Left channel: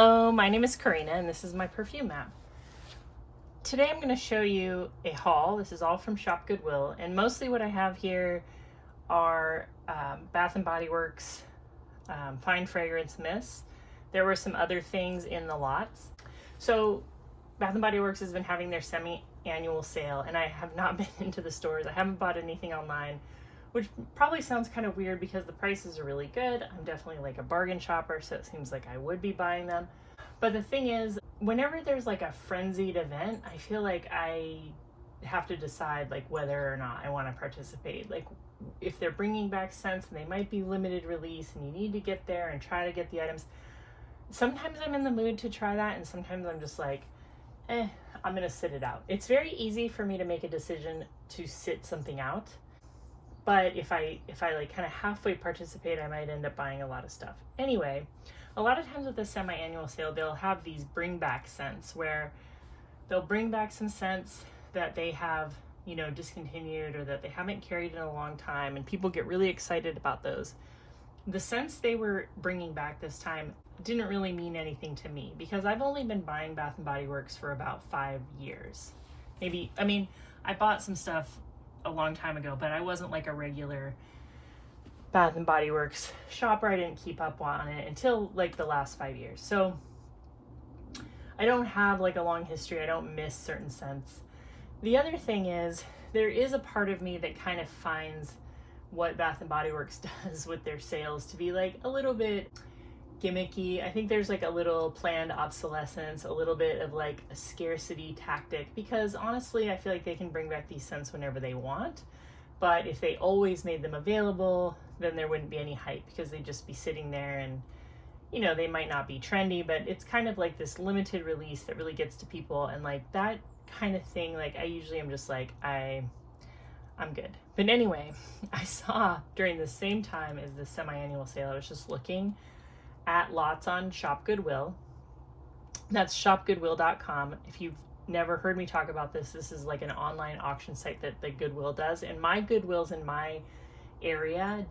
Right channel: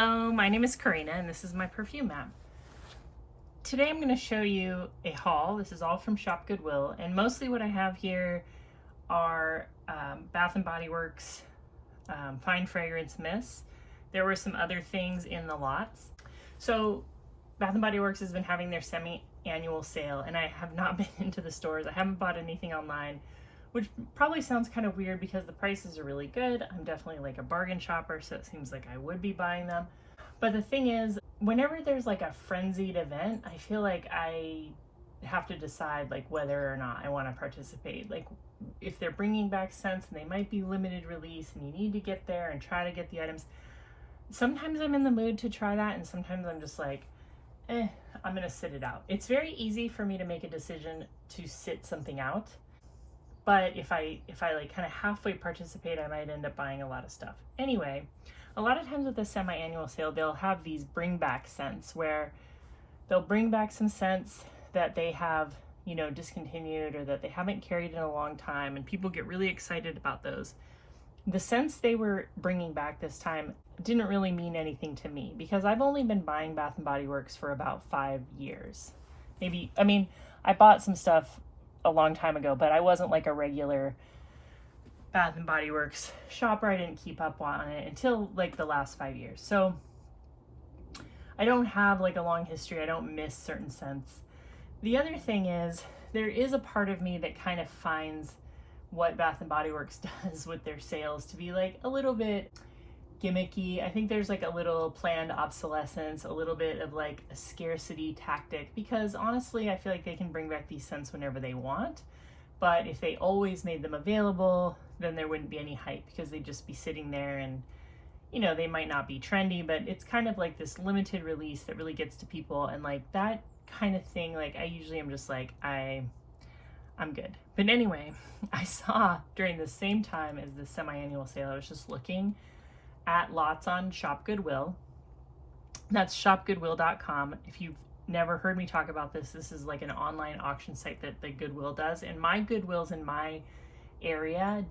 Hello, my name is Karina and this is my perfume map. Today I'm going to show you a haul. This is all from Shop Goodwill, and mostly what I have here are Bath & Body Works fine fragrance mists. There were some other things in the lots. So Bath & Body Works has been having their semi-annual sale, and I have not been into the stores. I haven't bought anything online, which probably sounds kind of weird because the prices are really good. I'm definitely like a bargain shopper, so it seems like I would be buying them. But the thing is, whenever there's like a frenzied event, I feel like I have to decide like whether or not I want to participate. Like if they're bringing back scents and they might be limited release and you need to get there and try to get the items. Sometimes I'm in the mood to try that, and sometimes I'm just like, I'm gonna sit it out. It's very easy for me to make a decision to sit something out. But if I like kind of halfway participate, I might end up buying a lot of stuff. Anyway, a lot of times with the semi-annual sale, they'll have these bring back scents where they'll bring back some scents that they have, you know, discontinued or that they haven't carried in a long time, and people get really excited about those. The scents they were bringing back this time didn't really mean anything to me because I've only been buying Bath & Body Works for about 5 years. Maybe, I mean, I bought some stuff a long time ago, but I wasn't like a regular Bath & Body Works shopper. I didn't keep up on it until like the last 5 years. So I don't have like a long history. I don't miss certain scents. The other thing is there is a part of me that kind of finds what Bath & Body Works does with their sales to be like a little bit gimmicky. I think there's like a little planned obsolescence, a little bit of like a scarcity tactic, because honestly, I feel like they can bring back these scents whenever they want. But if they always made them available, then there wouldn't be any hype because they'd just be sitting there and, you know, they might not be trendy, but it's kind of like this limited release that really gets to people. And like that kind of thing, like I usually am just like, I'm good. But anyway, I saw during the same time as the semi-annual sale, I was just looking at lots on Shop Goodwill. That's shopgoodwill.com. If you've never heard me talk about this, this is like an online auction site that the Goodwill does. And my Goodwills in my area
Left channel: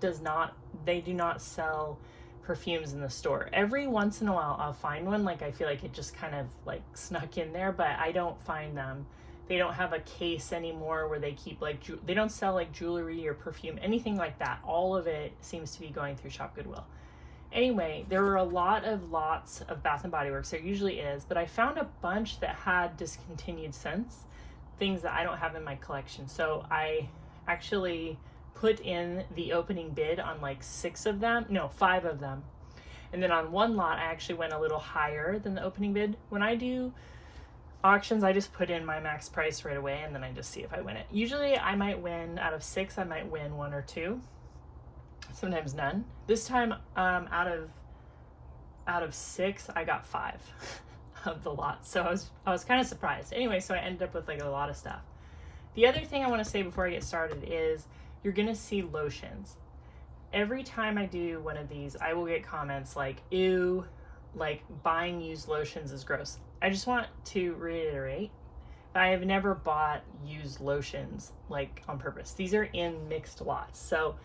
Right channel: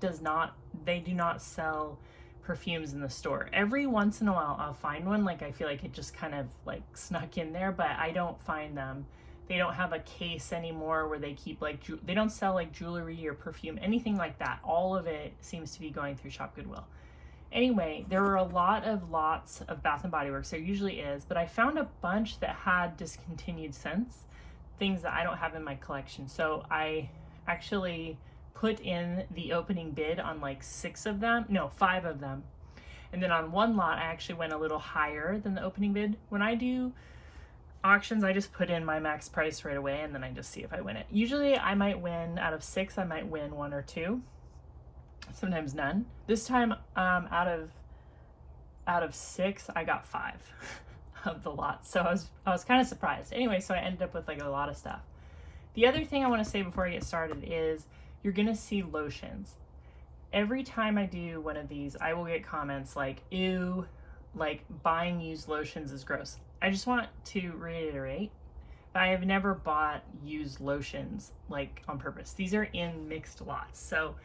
they do not sell perfumes in the store. Every once in a while I'll find one, like I feel like it just kind of like snuck in there, but I don't find them. They don't have a case anymore where they keep like, they don't sell like jewelry or perfume, anything like that. All of it seems to be going through Shop Goodwill. Anyway, there were a lot of lots of Bath & Body Works. There usually is, but I found a bunch that had discontinued scents, things that I don't have in my collection. So I actually put in the opening bid on like 5 of them. And then on one lot, I actually went a little higher than the opening bid. When I do auctions, I just put in my max price right away and then I just see if I win it. Usually I might win out of 6, I might win 1 or 2. Sometimes none. This time, out of 6, I got 5 of the lot. So I was kind of surprised. Anyway, so I ended up with like a lot of stuff. The other thing I want to say before I get started is you're gonna see lotions. Every time I do one of these, I will get comments like, ew, like buying used lotions is gross. I just want to reiterate, I have never bought used lotions like on purpose. These are in mixed lots. So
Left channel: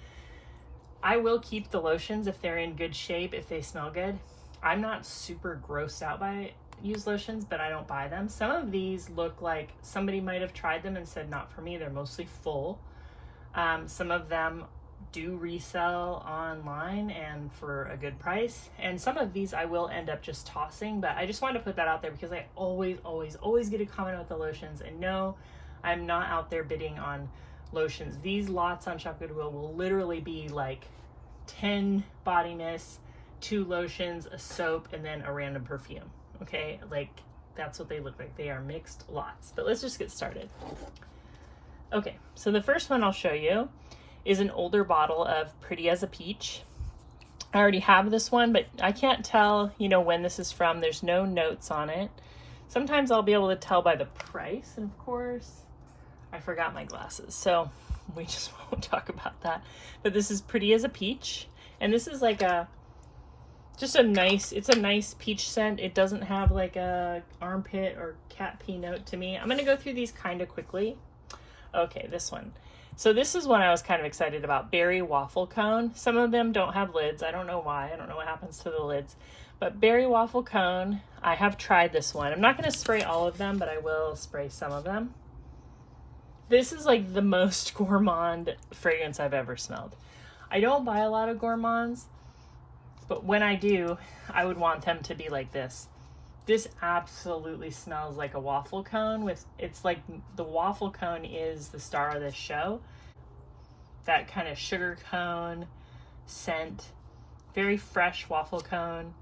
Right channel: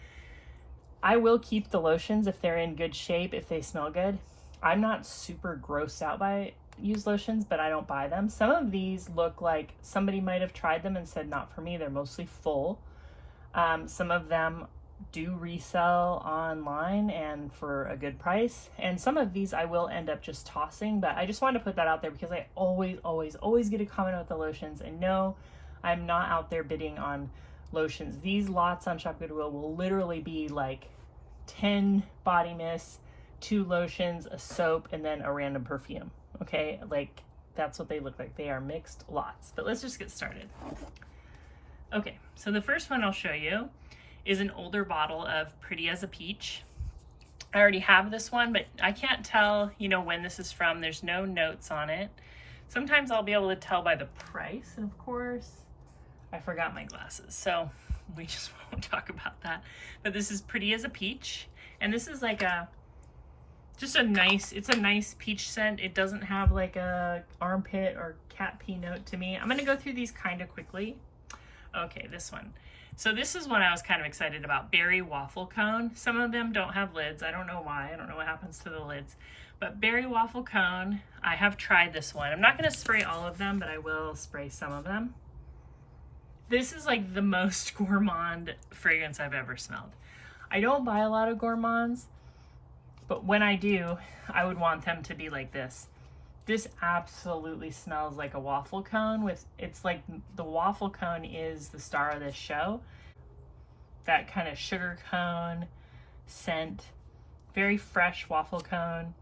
I will keep the lotions if they're in good shape, if they smell good. I'm not super grossed out by used lotions, but I don't buy them. Some of these look like somebody might have tried them and said not for me. They're mostly full. Some of them do resell online and for a good price. And some of these I will end up just tossing, but I just wanted to put that out there because I always get a comment about the lotions. And no, I'm not out there bidding on lotions. These lots on Shop Goodwill will literally be like 10 body mists, 2 lotions, a soap, and then a random perfume. Okay, like that's what they look like. They are mixed lots. But let's just get started. Okay, so the first one I'll show you is an older bottle of Pretty as a Peach. I already have this one, but I can't tell, you know, when this is from. There's no notes on it. Sometimes I'll be able to tell by the price, and of course, I forgot my glasses, so we just won't talk about that. But this is Pretty as a Peach, and this is like it's a nice peach scent. It doesn't have like a armpit or cat pee note to me. I'm gonna go through these kind of quickly. Okay, this one. So this is one I was kind of excited about, Berry Waffle Cone. Some of them don't have lids. I don't know why. I don't know what happens to the lids. But berry waffle cone, I have tried this one. I'm not going to spray all of them, but I will spray some of them. This is like the most gourmand fragrance I've ever smelled. I don't buy a lot of gourmands, but when I do, I would want them to be like this. This absolutely smells like a waffle cone it's like the waffle cone is the star of this show. That kind of sugar cone scent, very fresh waffle cone,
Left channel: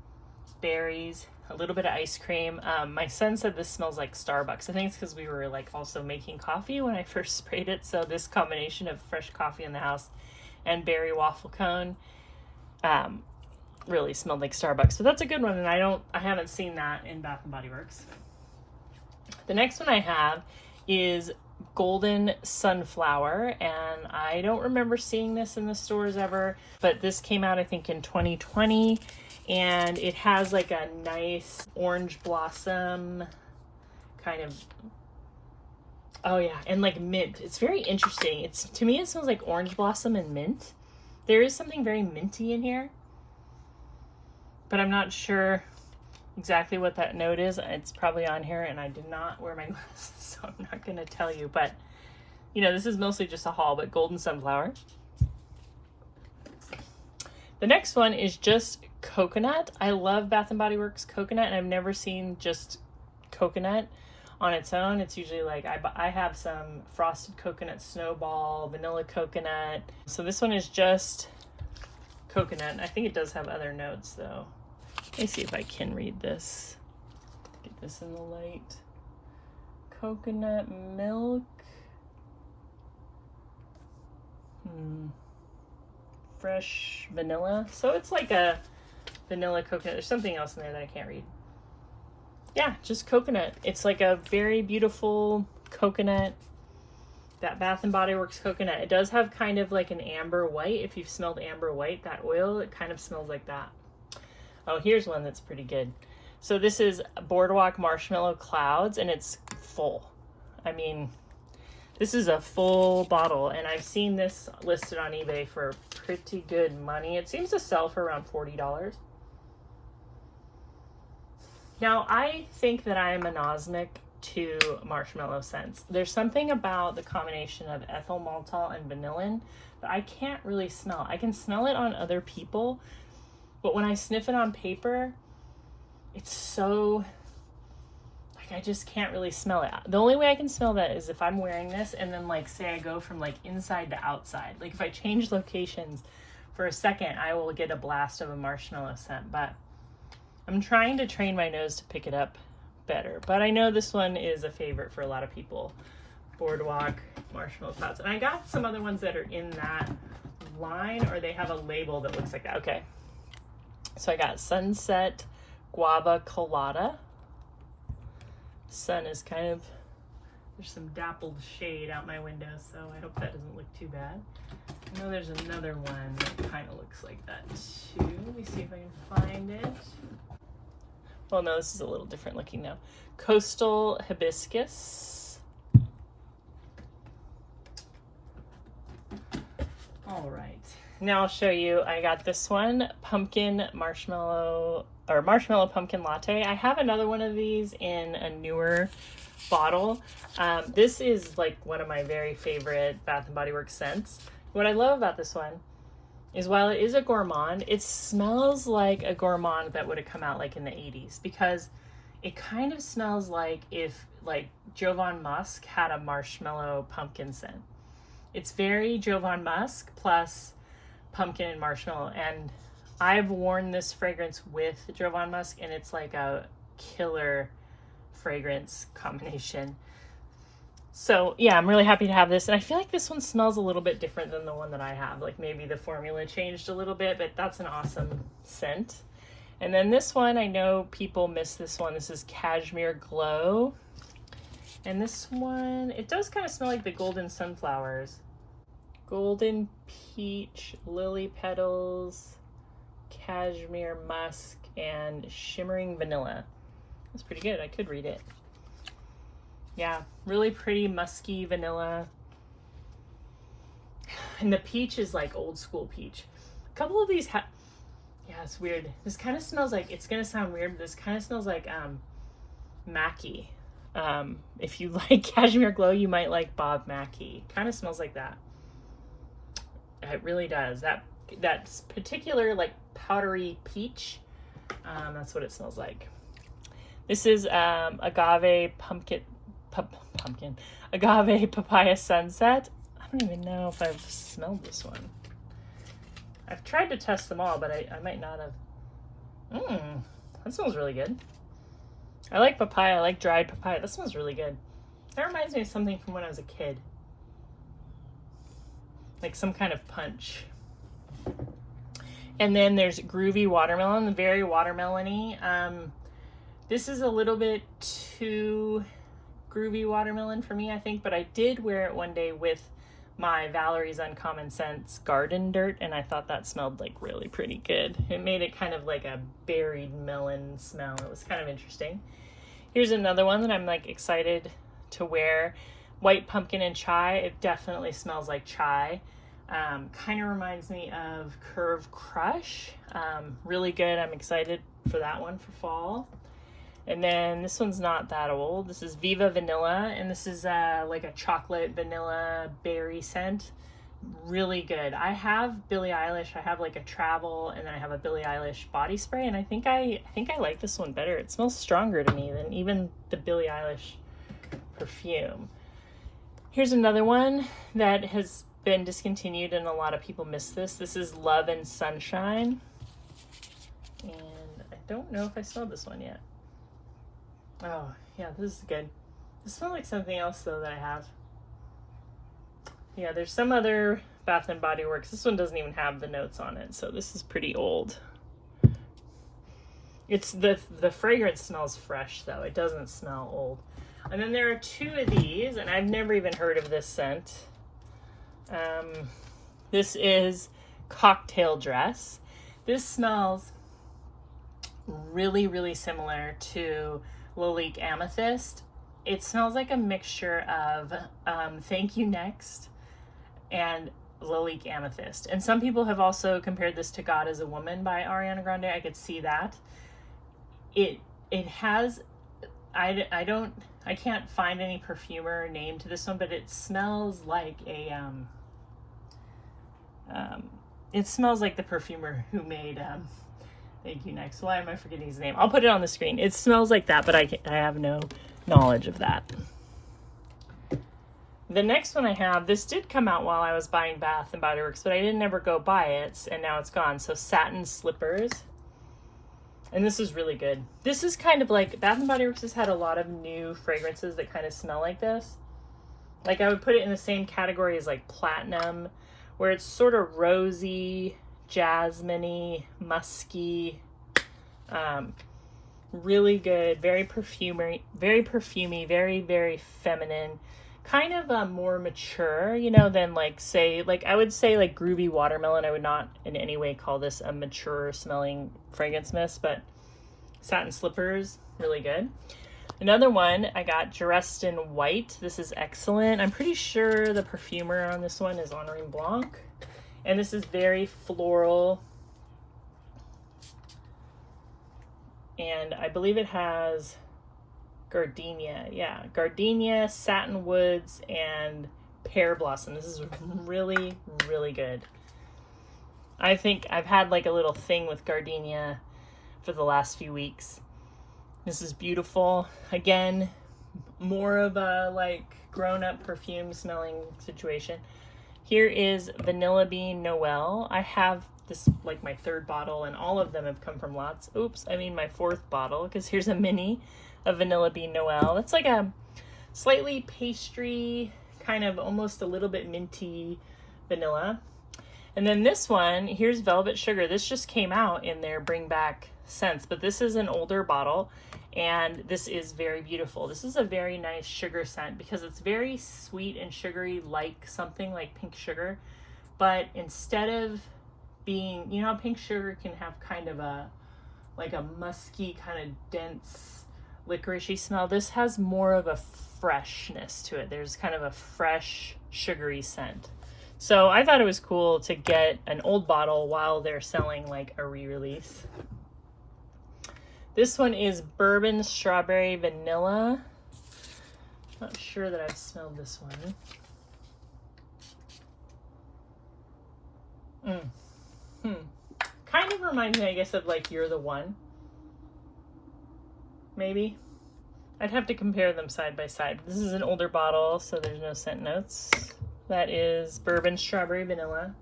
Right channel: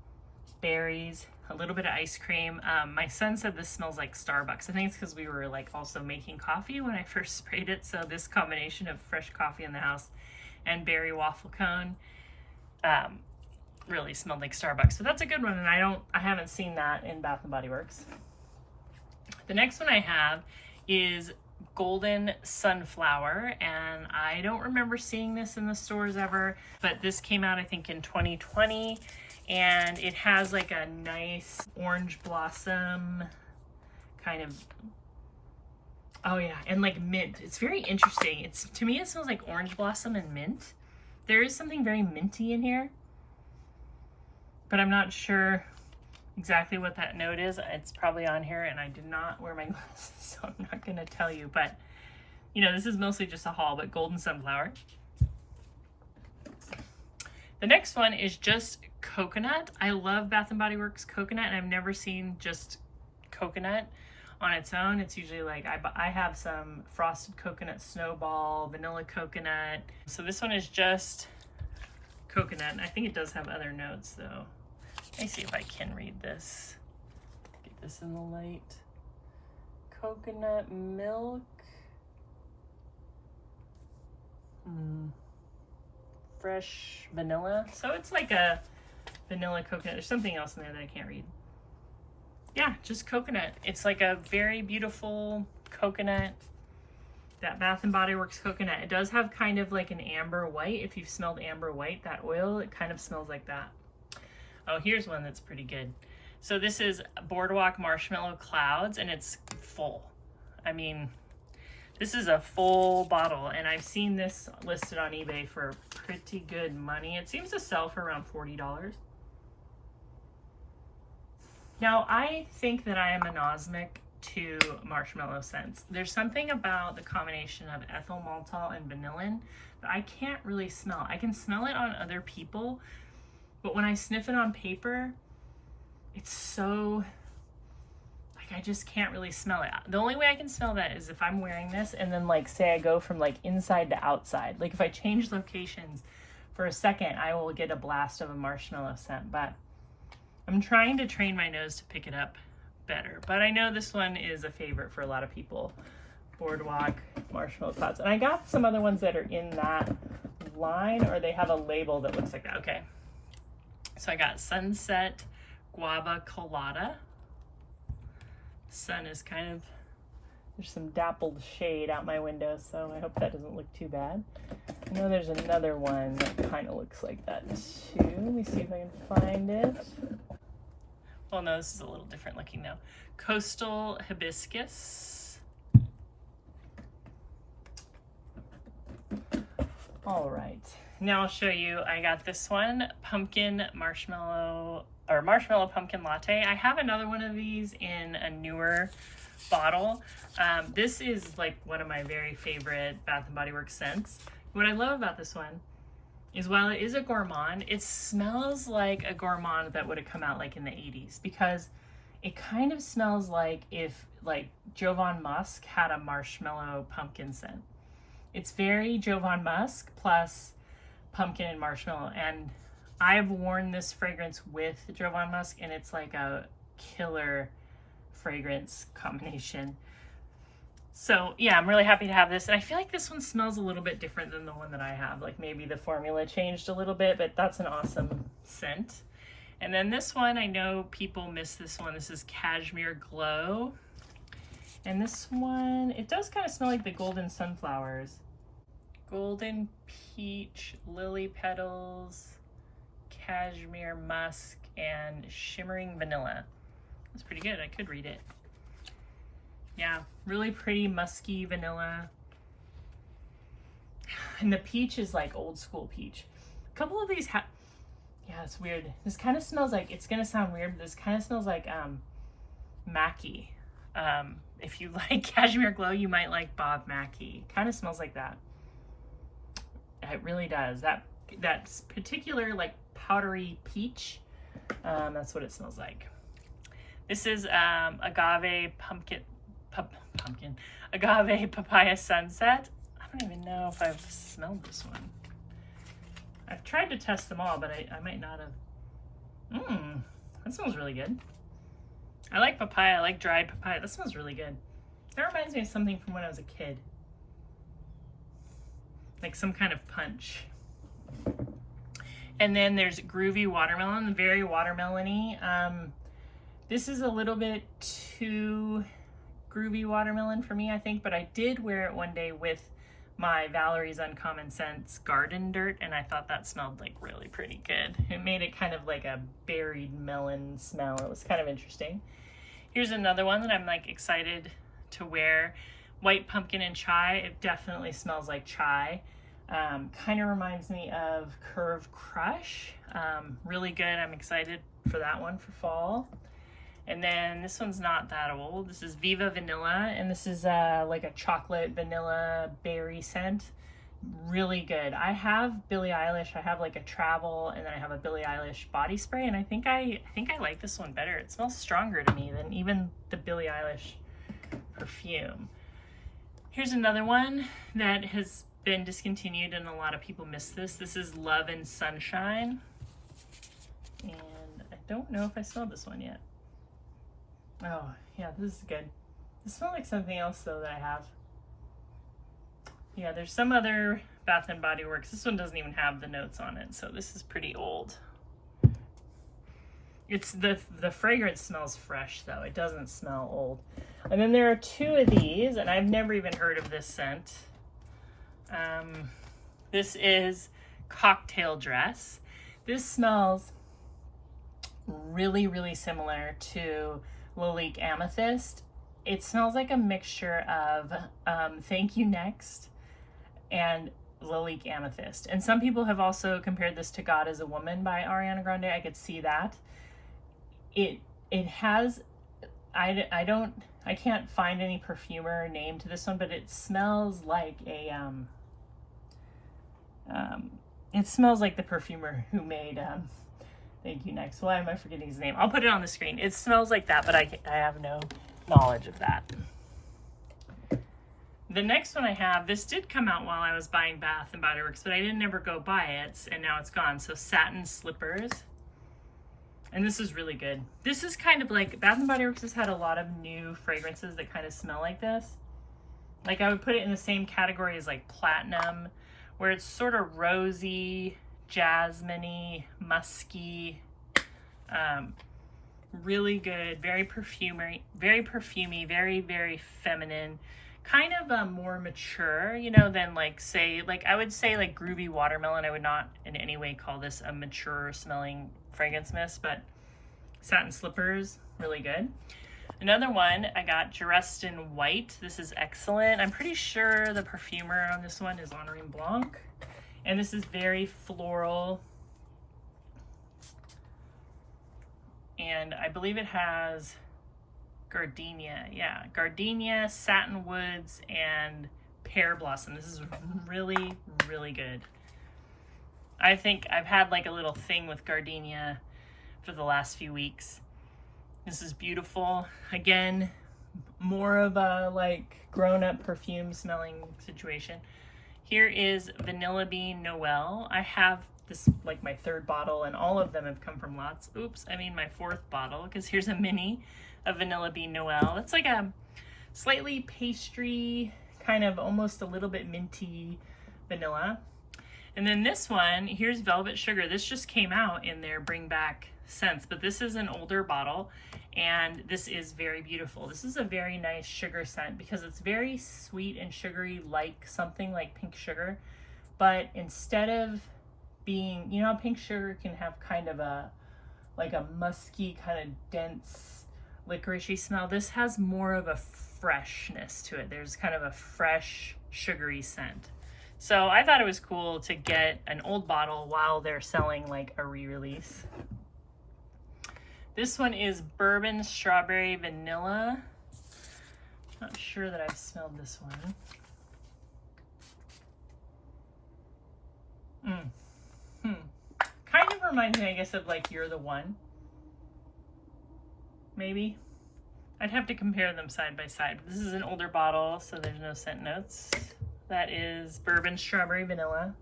berries, a little bit of ice cream. My son said this smells like Starbucks. I think it's because we were like also making coffee when I first sprayed it. So this combination of fresh coffee in the house and berry waffle cone really smelled like Starbucks. So that's a good one, and I haven't seen that in Bath and Body Works. The next one I have is Golden Sunflower, and I don't remember seeing this in the stores ever, but this came out I think in 2020, and it has like a nice orange blossom kind of, oh yeah, and like mint. It's very interesting. To me it smells like orange blossom and mint. There is something very minty in here, but I'm not sure exactly what that note is. It's probably on here, and I did not wear my glasses, so I'm not going to tell you. But, you know, this is mostly just a haul, but Golden Sunflower. The next one is just coconut. I love Bath & Body Works coconut, and I've never seen just coconut on its own. It's usually like, I have some frosted coconut snowball, vanilla coconut. So this one is just coconut, and I think it does have other notes though. Let me see if I can read this. Get this in the light. Coconut milk. Fresh vanilla. So it's like a vanilla coconut. There's something else in there that I can't read. Yeah, just coconut. It's like a very beautiful coconut. That Bath & Body Works coconut. It does have kind of like an amber white. If you've smelled amber white, that oil, it kind of smells like that. Oh, here's one that's pretty good. So this is Boardwalk Marshmallow Clouds, and it's full. I mean, this is a full bottle, and I've seen this listed on eBay for pretty good money. It seems to sell for around $40. Now, I think that I am anosmic to marshmallow scents. There's something about the combination of ethyl maltol and vanillin that I can't really smell. I can smell it on other people, but when I sniff it on paper, it's so, like, I just can't really smell it. The only way I can smell that is if I'm wearing this and then, like, say I go from like inside to outside. Like if I change locations for a second, I will get a blast of a marshmallow scent, but I'm trying to train my nose to pick it up better. But I know this one is a favorite for a lot of people. Boardwalk Marshmallow Clouds. And I got some other ones that are in that line, or they have a label that looks like that. Okay. So I got Sunset Guava Colada. Sun is kind of, there's some dappled shade out my window, so I hope that doesn't look too bad. I know there's another one that kind of looks like that too. Let me see if I can find it. Well, no, this is a little different looking now. Coastal Hibiscus. All right. Now I'll show you, I got this one, pumpkin marshmallow, or marshmallow pumpkin latte. I have another one of these in a newer bottle. This is like one of my very favorite Bath & Body Works scents. What I love about this one is while it is a gourmand, it smells like a gourmand that would have come out like in the 80s, because it kind of smells like if like Jovan Musk had a marshmallow pumpkin scent. It's very Jovan Musk plus pumpkin and marshmallow, and I've worn this fragrance with Jovan Musk, and it's like a killer fragrance combination. So yeah, I'm really happy to have this, and I feel like this one smells a little bit different than the one that I have. Like maybe the formula changed a little bit, but that's an awesome scent. And then this one, I know people miss this one. This is Cashmere Glow. And this one, it does kind of smell like the Golden Sunflowers. Golden Peach, Lily Petals, Cashmere Musk, and Shimmering Vanilla. That's pretty good. I could read it. Yeah, really pretty musky vanilla. And the peach is like old school peach. A couple of these Yeah, it's weird. This kind of smells like, it's gonna sound weird, but this kind of smells like Mackie. If you like Cashmere Glow, you might like Bob Mackie. Kind of smells like that. It really does. That's particular like powdery peach. That's what it smells like. This is agave agave papaya sunset. I don't even know if I've smelled this one. I've tried to test them all, but I might not have. That smells really good. I like papaya. I like dried papaya. That smells really good. That reminds me of something from when I was a kid. Like some kind of punch. And then there's Groovy Watermelon, very watermelon-y. This is a little bit too groovy watermelon for me, I think, but I did wear it one day with my Valerie's Uncommon Scents Garden Dirt, and I thought that smelled like really pretty good. It made it kind of like a berried melon smell. It was kind of interesting. Here's another one that I'm like excited to wear. White Pumpkin and Chai. It definitely smells like chai. Kind of reminds me of Curve Crush. Really good. I'm excited for that one for fall. And then this one's not that old. This is Viva Vanilla, and this is like a chocolate vanilla berry scent. Really good. I have Billie Eilish. I have like a travel, and then I have a Billie Eilish body spray, and I think I like this one better. It smells stronger to me than even the Billie Eilish perfume. Here's another one that has been discontinued, and a lot of people miss this. This is Love and Sunshine, and I don't know if I smelled this one yet. Oh, yeah, this is good. This smells like something else, though, that I have. Yeah, there's some other Bath & Body Works. This one doesn't even have the notes on it, so this is pretty old. It's the fragrance smells fresh, though. It doesn't smell old. And then there are two of these, and I've never even heard of this scent. This is Cocktail Dress. This smells really, really similar to Lalique Amethyst. It smells like a mixture of Thank You Next and Lalique Amethyst. And some people have also compared this to God is a Woman by Ariana Grande. I could see that. It has, I can't find any perfumer name to this one, but it smells like a, it smells like the perfumer who made, Thank You Next. Why am I forgetting his name? I'll put it on the screen. It smells like that, but I have no knowledge of that. The next one I have, this did come out while I was buying Bath & Body Works, but I didn't ever go buy it, and now it's gone. So Satin Slippers. And this is really good. This is kind of like, Bath & Body Works has had a lot of new fragrances that kind of smell like this. Like I would put it in the same category as like Platinum, where it's sort of rosy, jasmine-y, musky, really good, very perfumey, very, very feminine, kind of more mature, you know, than like say, like I would say like Groovy Watermelon. I would not in any way call this a mature smelling fragrance mist, but Satin Slippers, really good. Another one, I got Dressed in White. This is excellent. I'm pretty sure the perfumer on this one is Honorine Blanc. And this is very floral. And I believe it has gardenia. Yeah, gardenia, satin woods, and pear blossom. This is really, really good. I think I've had like a little thing with gardenia for the last few weeks. This is beautiful. Again, more of a like grown-up perfume smelling situation. Here is Vanilla Bean Noel. I have this like my third bottle, and all of them have come from lots. Oops, I mean my fourth bottle, because here's a mini of Vanilla Bean Noel. It's like a slightly pastry, kind of almost a little bit minty vanilla. And then this one, here's Velvet Sugar. This just came out in their Bring Back scents, but this is an older bottle, and this is very beautiful. This is a very nice sugar scent because it's very sweet and sugary, like something like pink sugar, but instead of being, you know how pink sugar can have kind of a like a musky, kind of dense licoricey smell, this has more of a freshness to it. There's kind of a fresh sugary scent. So I thought it was cool to get an old bottle while they're selling like a re-release. This one is Bourbon Strawberry Vanilla. Not sure that I've smelled this one. Kind of reminds me, I guess, of like You're the One. Maybe. I'd have to compare them side by side. This is an older bottle, so there's no scent notes. That is Bourbon Strawberry Vanilla.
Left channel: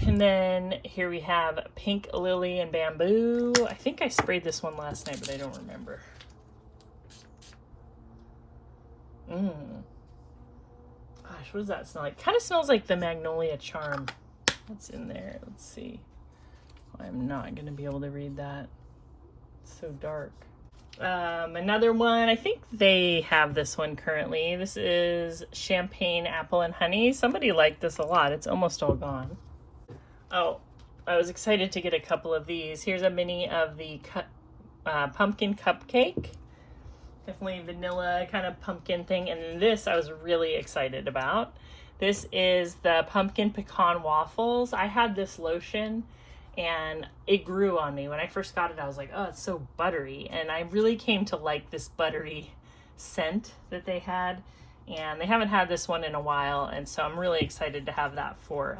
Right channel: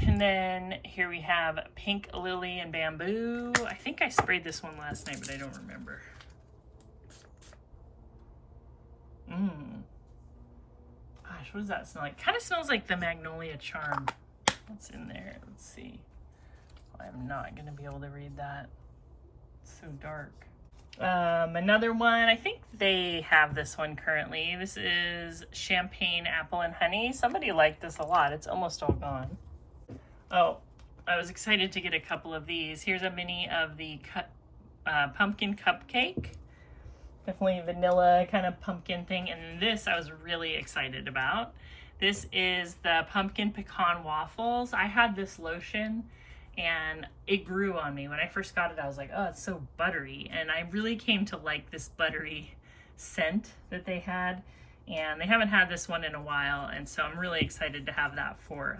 And then here we have Pink Lily and Bamboo. I think I sprayed this one last night, but I don't remember. Gosh, what does that smell like? Kind of smells like the Magnolia Charm. What's in there? Let's see. I'm not going to be able to read that. It's so dark. Another one, I think they have this one currently. This is Champagne Apple and Honey. Somebody liked this a lot. It's almost all gone. Oh, I was excited to get a couple of these. Here's a mini of the pumpkin cupcake. Definitely vanilla kind of pumpkin thing. And then this I was really excited about. This is the pumpkin pecan waffles. I had this lotion and it grew on me. When I first got it, I was like, oh, it's so buttery. And I really came to like this buttery scent that they had. And they haven't had this one in a while. And so I'm really excited to have that for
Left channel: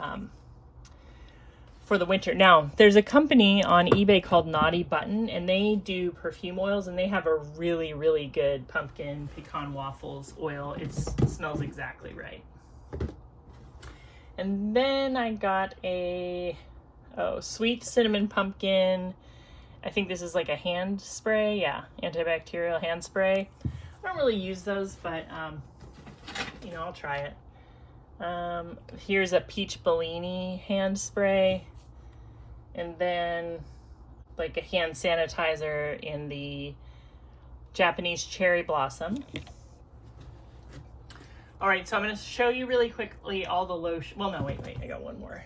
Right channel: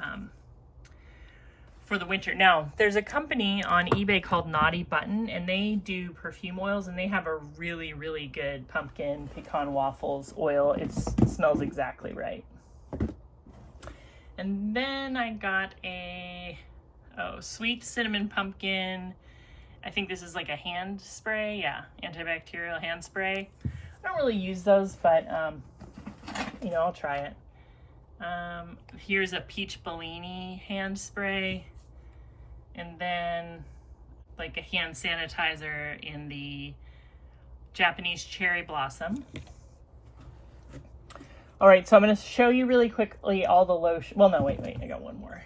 the winter. Now, there's a company on eBay called Naughty Button, and they do perfume oils, and they have a really, really good pumpkin pecan waffles oil. It smells exactly right. And then I got a sweet cinnamon pumpkin. I think this is like a hand spray. Yeah, antibacterial hand spray. I don't really use those, but you know, I'll try it. Here's a peach Bellini hand spray. And then like a hand sanitizer in the Japanese cherry blossom. All right, so I'm going to show you really quickly all the lotion. Well, no, wait, I got one more.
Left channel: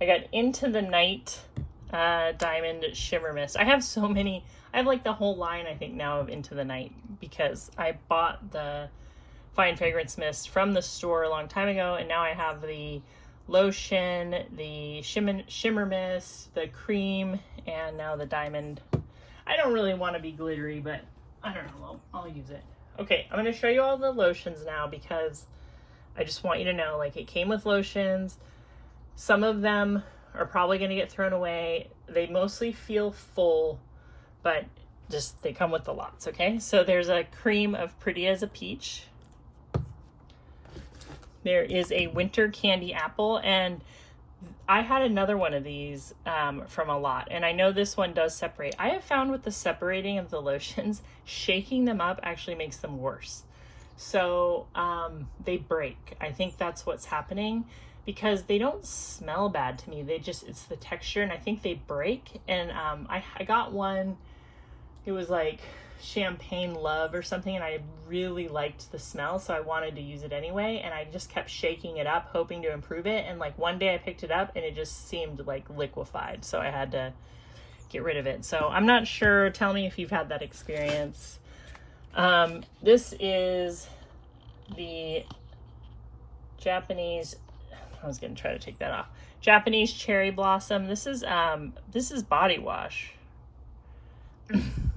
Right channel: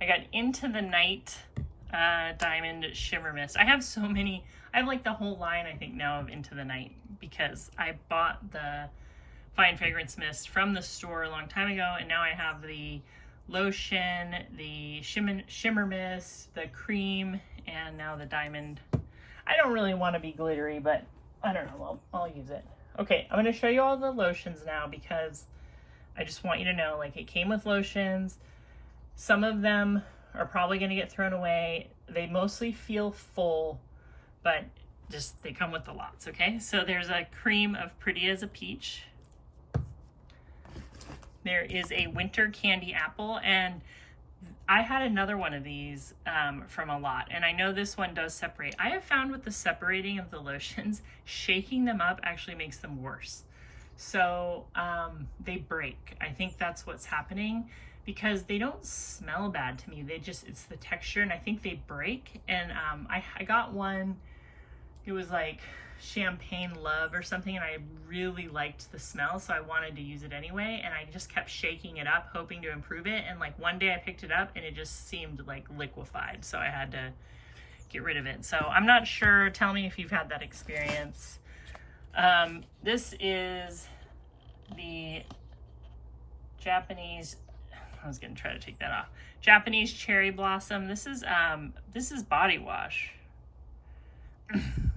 I got Into the Night Diamond Shimmer Mist. I have so many. I have like the whole line, I think, now of Into the Night because I bought the Fine Fragrance Mist from the store a long time ago, and now I have the lotion, the shimmer mist, the cream, and now the diamond. I don't really want to be glittery, but I don't know, I'll use it. Okay, I'm going to show you all the lotions now because I just want you to know, like, it came with lotions. Some of them are probably going to get thrown away. They mostly feel full, but just they come with the lots, okay? So there's a cream of Pretty as a Peach. There is a Winter Candy Apple, and I had another one of these from a lot, and I know this one does separate. I have found with the separating of the lotions, shaking them up actually makes them worse. So they break. I think that's what's happening because they don't smell bad to me. It's the texture, and I think they break. And I got one, it was like Champagne Love or something, and I really liked the smell, so I wanted to use it anyway, and I just kept shaking it up hoping to improve it, and like one day I picked it up and it just seemed like liquefied, so I had to get rid of it. So I'm not sure, tell me if you've had that experience. This is the Japanese, I was gonna try to take that off, Japanese Cherry Blossom. This is body wash,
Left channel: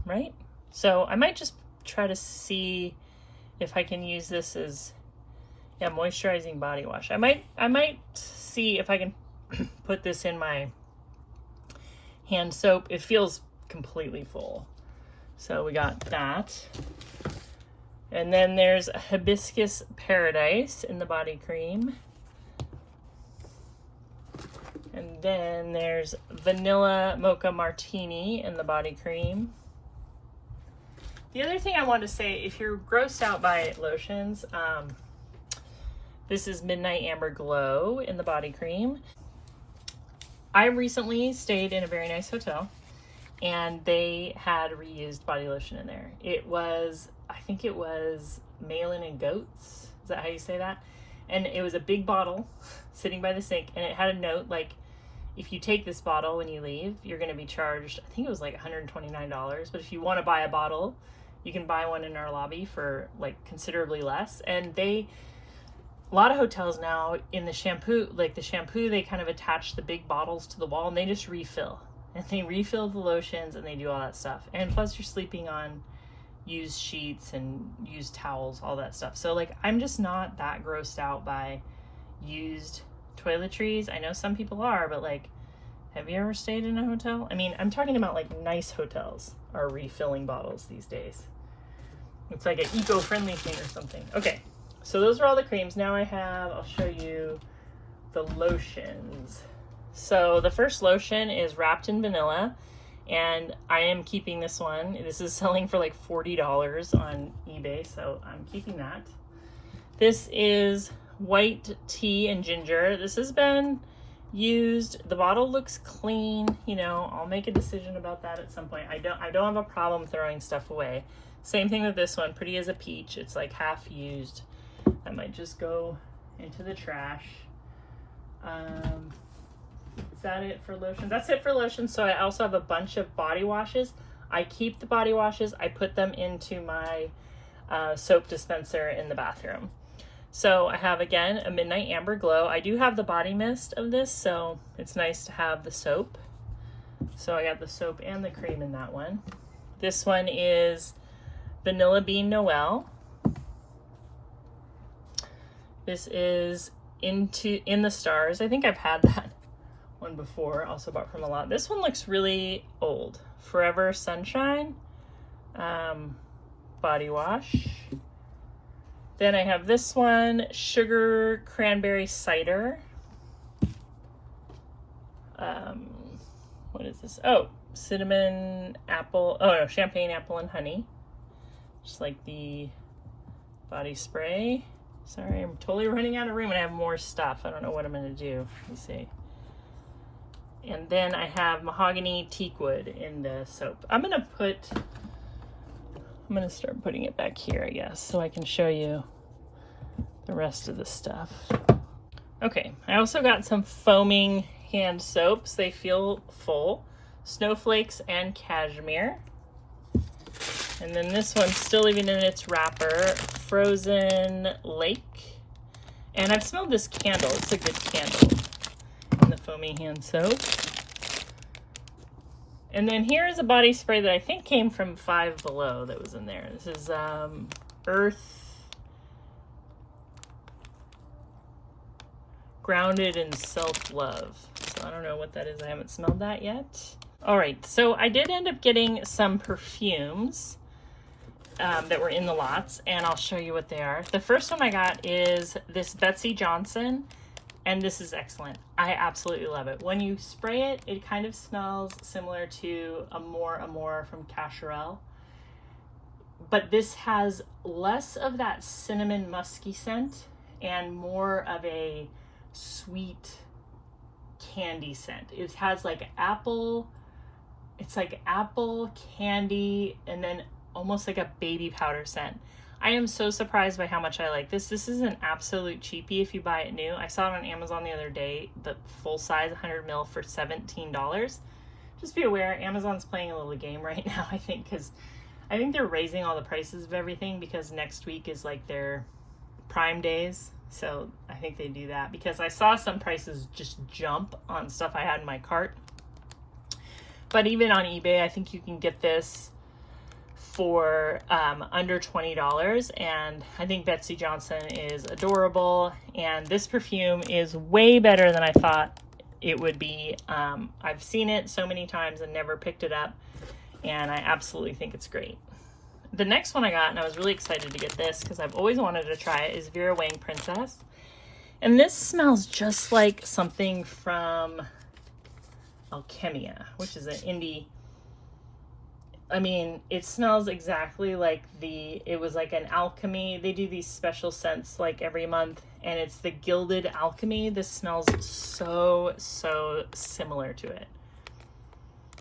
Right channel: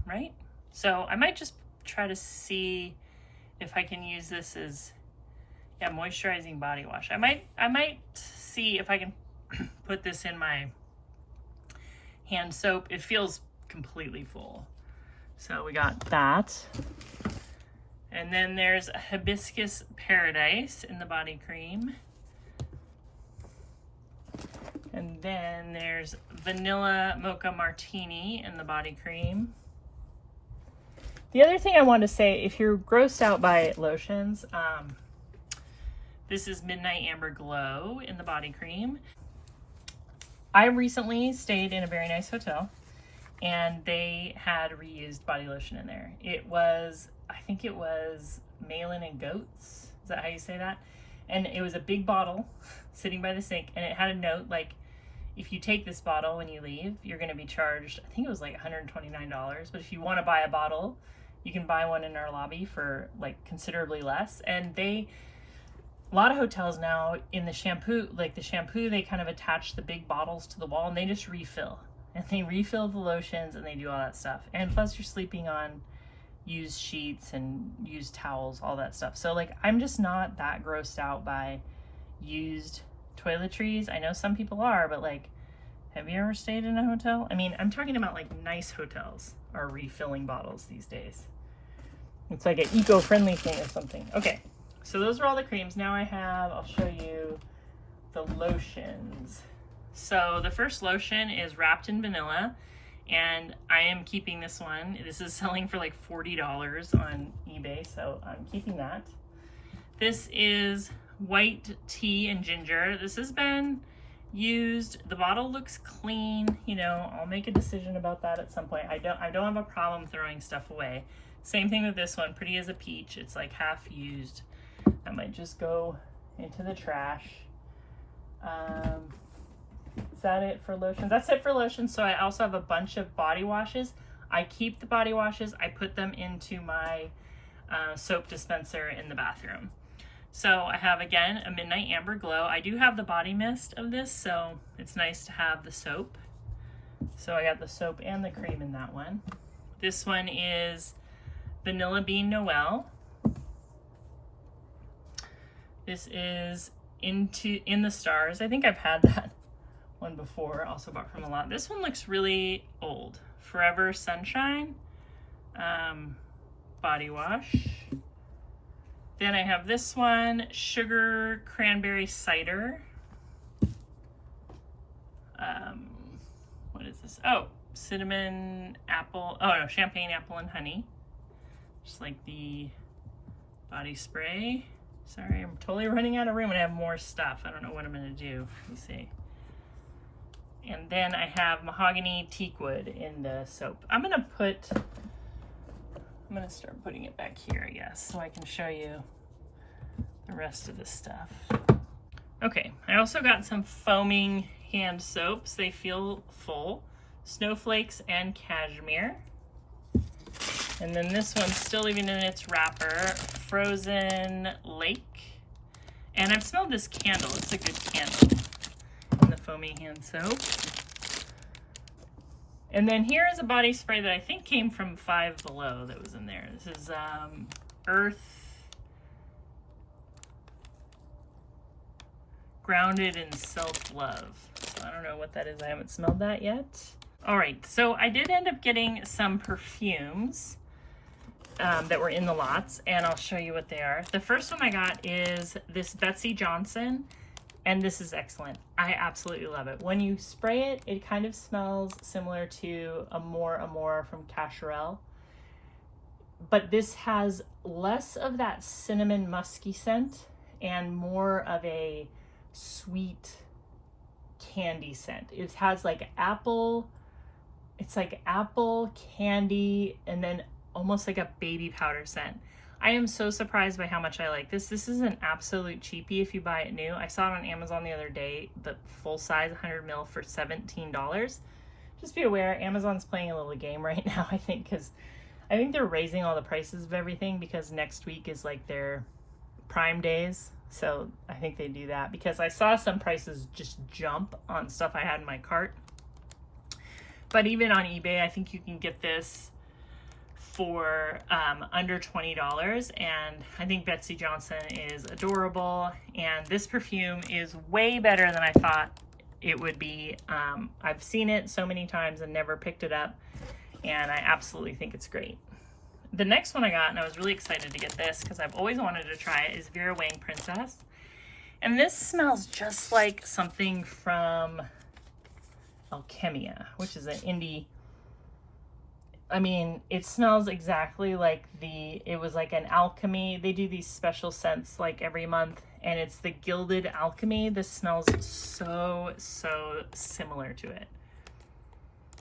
right? So I might just try to see if I can use this as, yeah, moisturizing body wash. I might see if I can put this in my hand soap. It feels completely full. So we got that. And then there's Hibiscus Paradise in the body cream. And then there's Vanilla Mocha Martini in the body cream. The other thing I want to say, if you're grossed out by lotions, this is Midnight Amber Glow in the body cream. I recently stayed in a very nice hotel, and they had reused body lotion in there. It was, I think it was Malin and Goats. Is that how you say that? And it was a big bottle sitting by the sink, and it had a note like, if you take this bottle when you leave, you're going to be charged, I think it was like $129. But if you want to buy a bottle, you can buy one in our lobby for like considerably less. And they a lot of hotels now in the shampoo, they kind of attach the big bottles to the wall and they just refill. And they refill the lotions and they do all that stuff. And plus you're sleeping on used sheets and used towels, all that stuff. So like, I'm just not that grossed out by used toiletries. I know some people are, but like, have you ever stayed in a hotel? I mean, I'm talking about like nice hotels are refilling bottles these days. It's like an eco-friendly thing or something. Okay, so those are all the creams. Now I'll show you the lotions. So the first lotion is wrapped in vanilla, and I am keeping this one. This is selling for like $40 on eBay, so I'm keeping that. This is white tea and ginger. This has been used. The bottle looks clean. You know, I'll make a decision about that at some point. I don't have a problem throwing stuff away. Same thing with this one, pretty as a peach. It's like half used. That might just go into the trash. Is that it for lotions? That's it for lotions. So I also have a bunch of body washes. I keep the body washes. I put them into my soap dispenser in the bathroom. So I have, again, a Midnight Amber Glow. I do have the body mist of this, so it's nice to have the soap. So I got the soap and the cream in that one. This one is Vanilla Bean Noel. This is In the Stars. I think I've had that one before, also bought from a lot. This one looks really old. Forever Sunshine body wash. Then I have this one, Sugar Cranberry Cider. What is this? Oh, cinnamon apple. Oh no, champagne apple and honey. Just like the body spray. Sorry, I'm totally running out of room and I have more stuff. I don't know what I'm gonna do. Let me see. And then I have mahogany teakwood in the soap. I'm gonna start putting it back here, I guess, so I can show you the rest of the stuff. Okay, I also got some foaming hand soaps. They feel full. Snowflakes and Cashmere. And then this one's still even in its wrapper, Frozen Lake. And I've smelled this candle. It's a good candle. And the foaming hand soap. And then here is a body spray that I think came from Five Below that was in there. This is Earth Grounded in Self-Love. So I don't know what that is. I haven't smelled that yet. All right, so I did end up getting some perfumes that were in the lots, and I'll show you what they are. The first one I got is this Betsy Johnson, and this is excellent. I absolutely love it. When you spray it, it kind of smells similar to Amore from Cacharel, but this has less of that cinnamon musky scent and more of a sweet candy scent. It has like apple, it's like apple candy, and then almost like a baby powder scent. I am so surprised by how much I like this. This is an absolute cheapie if you buy it new. I saw it on Amazon the other day, the full size 100 ml for $17. Just be aware, Amazon's playing a little game right now, I think, because I think they're raising all the prices of everything because next week is like their Prime days. So I think they do that because I saw some prices just jump on stuff I had in my cart. But even on eBay, I think you can get this for under $20, and I think Betsy Johnson is adorable, and this perfume is way better than I thought it would be. I've seen it so many times and never picked it up, and I absolutely think it's great. The next one I got, and I was really excited to get this because I've always wanted to try it, is Vera Wang Princess, and this smells just like something from Alchemia, which is an indie. I mean, it smells exactly like it was like an alchemy. They do these special scents like every month, and it's the Gilded Alchemy. This smells so similar to it.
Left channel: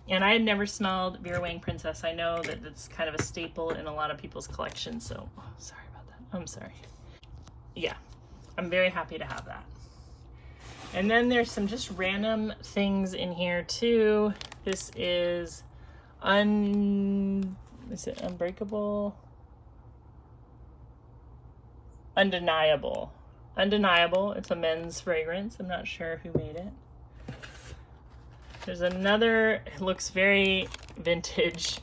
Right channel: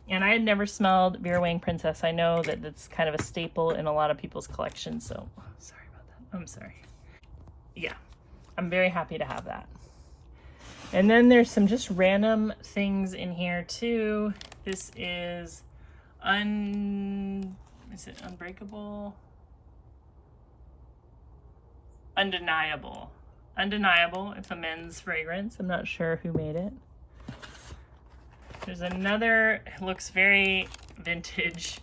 And I had never smelled Vera Wang Princess. I know that it's kind of a staple in a lot of people's collections, so sorry about that. I'm sorry. Yeah, I'm very happy to have that. And then there's some just random things in here too. This is is it Unbreakable? Undeniable. undeniable. It's a men's fragrance. I'm not sure who made it. There's another, it looks very vintage,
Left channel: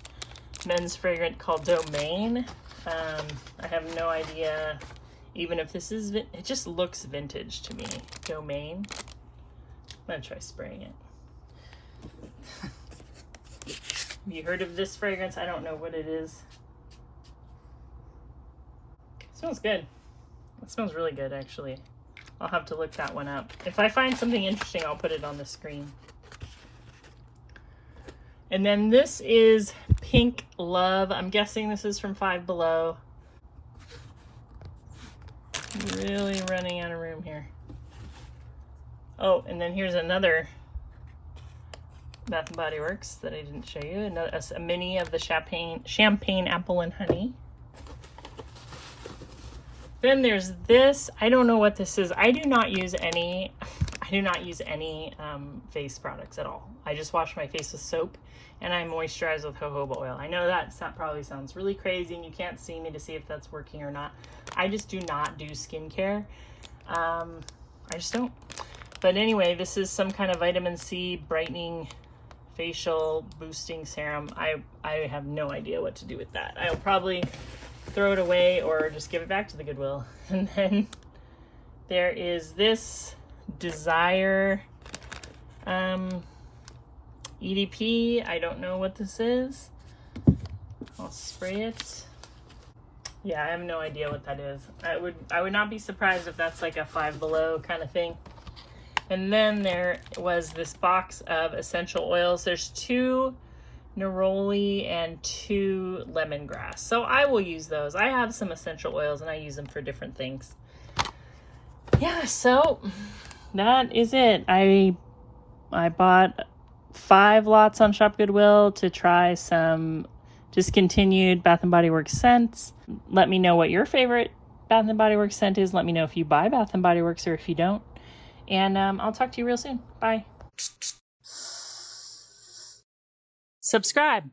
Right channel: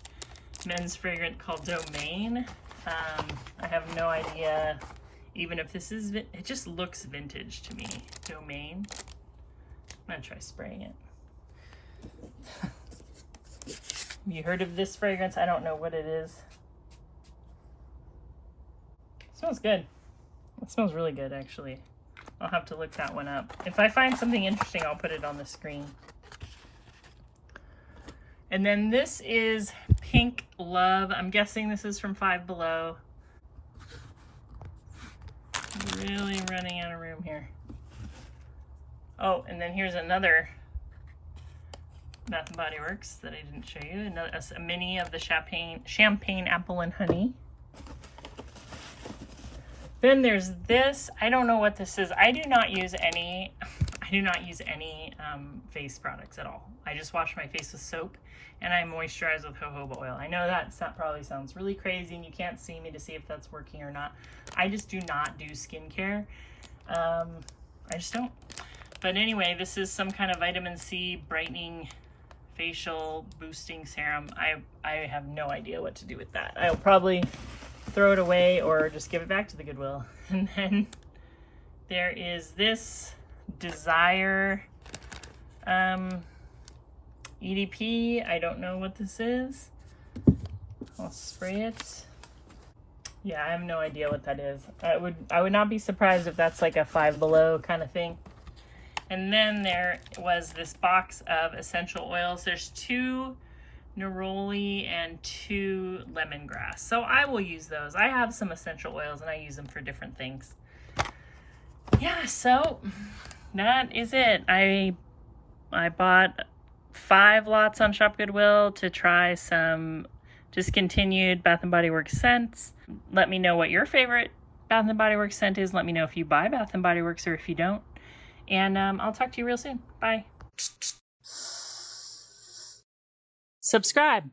men's fragrance called Domain. I have no idea even if this is, it just looks vintage to me. Domain. I'm gonna try spraying it. Have you heard of this fragrance? I don't know what it is. It smells good. It smells really good, actually. I'll have to look that one up. If I find something interesting, I'll put it on the screen. And then this is Pink Love. I'm guessing this is from Five Below. Really running out of room here. Oh, and then here's another Bath & Body Works that I didn't show you. Another, a mini of the champagne apple and honey. Then there's this. I don't know what this is. I do not use any face products at all. I just wash my face with soap and I moisturize with jojoba oil. I know that probably sounds really crazy and you can't see me to see if that's working or not. I just do not do skincare. I just don't. But anyway, this is some kind of vitamin C brightening facial boosting serum. I have no idea what to do with that. I'll probably throw it away or just give it back to the Goodwill. And then there is this Desire EDP. I don't know what this is. I'll spray it. Yeah, I have no idea what that is. I would not be surprised if that's like a Five Below kind of thing. And then there was this box of essential oils. There's 2 neroli and 2 lemongrass. So I will use those. I have some essential oils and I use them for different things. Yeah, so that is it. I bought 5 lots on Shop Goodwill to try some discontinued Bath & Body Works scents. Let me know what your favorite Bath & Body Works scent is. Let me know if you buy Bath & Body Works or if you don't. And I'll talk to you real soon. Bye. Subscribe.